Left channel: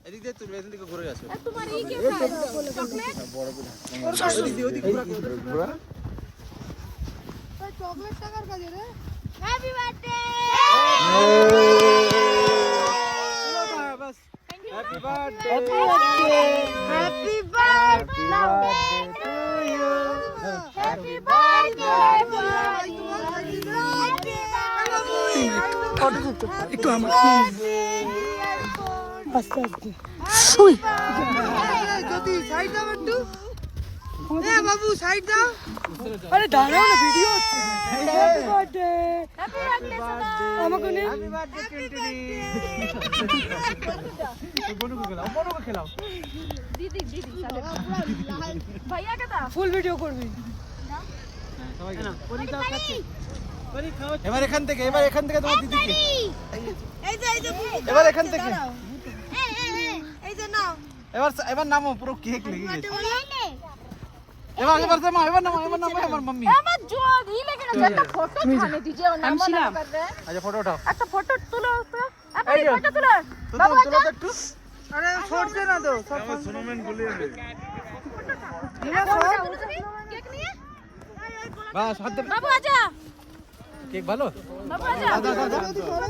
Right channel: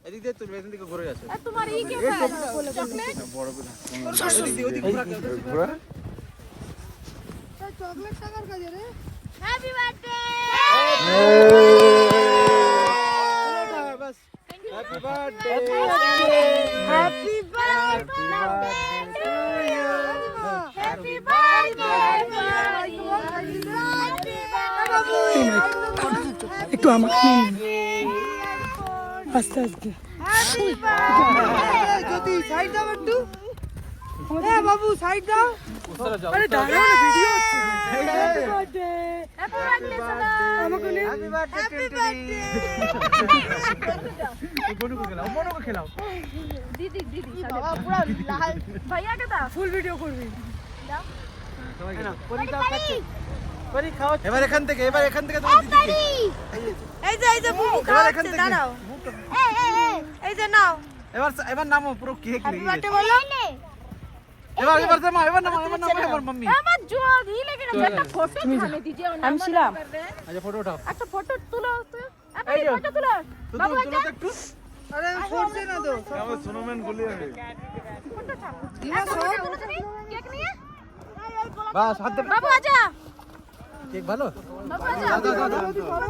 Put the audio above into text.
এদিকে তুমি এখান থেকে ঘুরে গেছো তোমার ই কে চকলেট বড় করে ওদিকে ঘোরা কেউ চকলেট টাকার কাজ রে হ্যাপি বার্থডে बस happy birthday happy birthday to you happy birthday কত দিত একটু আমার শুই দিদি সাইড দাও একটু এ বাবু সাইড দাও আরে দাঁড়াও না ভিডিও হচ্ছে হ্যাপি বার্থডে হ্যাপি বার্থডে আমাকে নে हैप्पी बर्थडे बोनू को खिलाओ दीदी दीदी साले पूरा लाल भैया के था ফুল ভিডিও করবি দাও না পরি দাও খাচ্ছে পরি খাও এবার এখান থেকে তোমার দিদিকে এই যে এবার এখান থেকে দাঁড়াও এই যে নাও এবার নামো পুরো কেক হ্যাপি নিয়ে বার্থডে বলো এবার নামো আমার মাম্মি আমার জোর ই লেগে গেছে একটা ফটো তুলে দিজিए আমি ছিলাম। আচ্ছা ফটো উঠাও একটা ফটো তুলো তো একটা এই যে। ফটো তুলো তুলো তো একটু আরে ছড়ছে না তো বাস হাত দে বাবু আজা কেক ভালো বাবু আজা দাও